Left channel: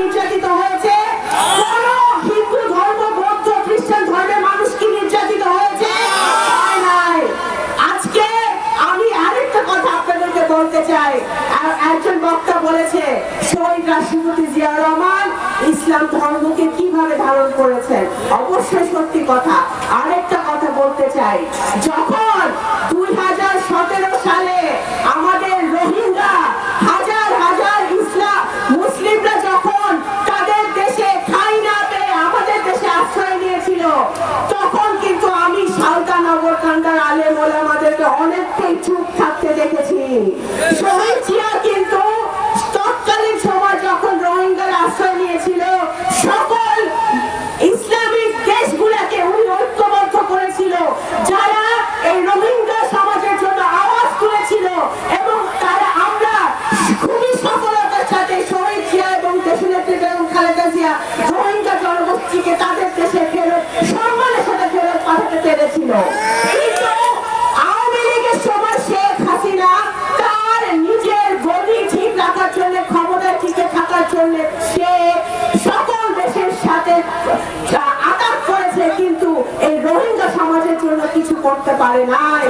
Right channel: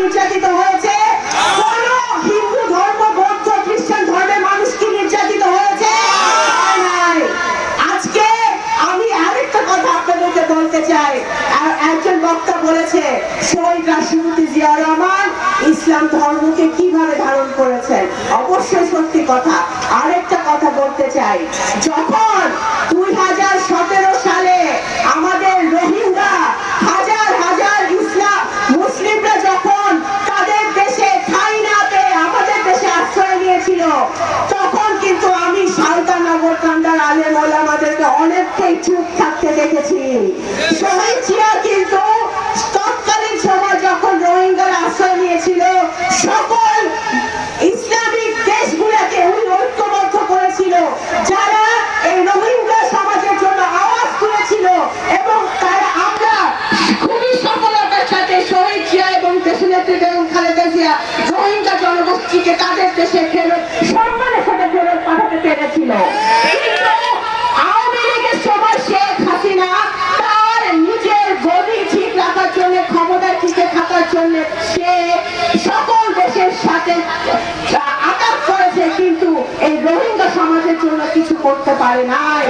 নির্যাতিত হয়েছে? কোন হিন্দু ধর্ম, বৌদ্ধ, খ্রিস্টান ধর্মের মানুষ কি নির্যাতিত হয়েছে? হয় নাই। আজকে আমি আরেকটা কথা আপনাদেরকে বলতে চাই। একজন বক্তা বলেছে শহীদ রাষ্ট্রপতি জিয়া রহমান ইসলাম ধর্মকে কিভাবে ধারণ করেছেন। অবশ্যই সত্যি কথা। আরেকটা কথা বলতে চাই, যখন 2017 সালে আমাদের রোহিঙ্গা হাজার হাজার ইসলাম মুসলিমরা যখন তাদের দেশে ঠাঁই না পেয়ে আমাদের দেশে আশ্রয় নিয়েছিল, তখন কিন্তু আমি সালতানগর কান্দার আলেম ওলামাদেরকে অনেকটাই চুপ থাকতে দেখেছি। শহীদ জিয়া কিন্তু তৎকালীন সময় যখন রোহিঙ্গার আশ্রয় নিয়েছিল, সকল ইসলামিক দেশগুলোকে উনি ঐক্যবদ্ধ করেছিল, যারা এই রোহিঙ্গা সমাজের জন্য আওয়াজ তুলেছিল, এবং তারা আমরা খুবই সফলতার সাথে শহীদ জিয়া এবং দেশনেত্রী বেগম খালেদা জিয়া রোহিঙ্গা জনগোষ্ঠীকে তাদের দেশে ফেরত সম্মানের সাথে ফেরত পাঠাতে পেরেছিল। কিন্তু আওয়ামী লীগের সময় শেখ হাসিনা তার নিজের গদি ঠিক রাখার জন্য, ক্ষমতায় টিকে থাকার জন্য সে সকল দেশের সাথে আঘাত করেছে, কিন্তু এই রোহিঙ্গা সমাজের জন্য কিছু করতে পারে নাই।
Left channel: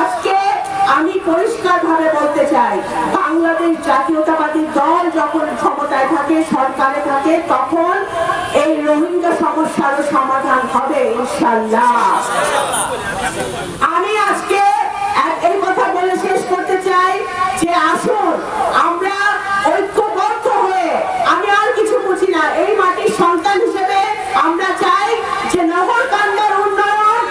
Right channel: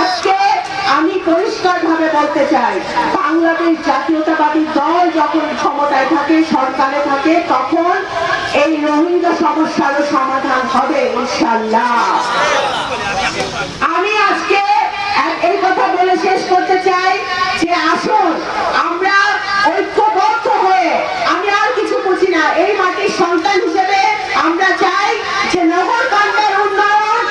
আজকে আমি পরিষ্কার ভাবে বলতে চাই, বাংলাদেশ জাতীয়তাবাদী দল যখন ক্ষমতায় থাকে, সরকারে থাকে, তখন এই রোহিঙ্গা সমস্যার সমাধান হবে ইনশাআল্লাহ। আমি আজকে এই কথা বলে শেষ করতে চাই যে আসুন আমরা ঐক্যবদ্ধ হয়ে, আমি আর কিছু বুঝি না, এই মাটির সন্তান হিসেবে আমরা চাই যে নগরকান্দার উন্নয়ন,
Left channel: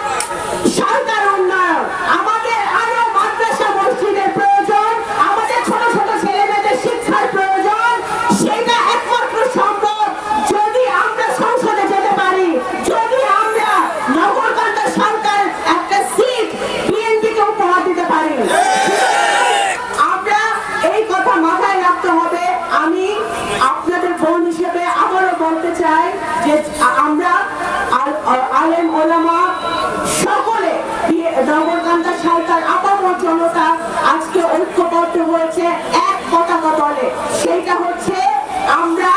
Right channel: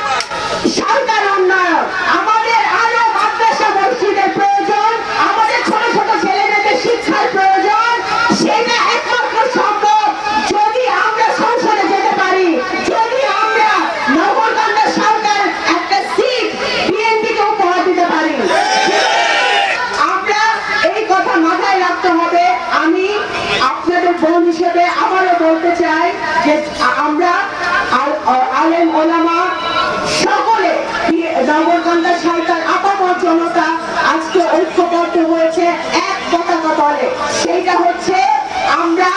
সরকার উন্নয়ন, আমাদের আরো মাদ্রাসা মসজিদের প্রয়োজন, আমাদের ছোট ছোট ছেলে মেয়েদের শিক্ষার প্রয়োজন। সেটা একমাত্র সম্ভব যদি আমরা সংসদে যেতে পারি, যদি আমরা নগরকান্দার সরকার একটা সিট বিএনপিকে উপহার দিতে পারি। আমরা এই কথা মাথায় রাখতে হবে। আমি আপনাদের বোন হিসেবে আবারও বলতে চাই যে আমরা আলেম ওলামা সকলে নগরকান্দা সরকার আপামর জনতা আজকে ঐক্যবদ্ধ হয়েছে এক পতাকা তলে। সেইটা হচ্ছে আমরা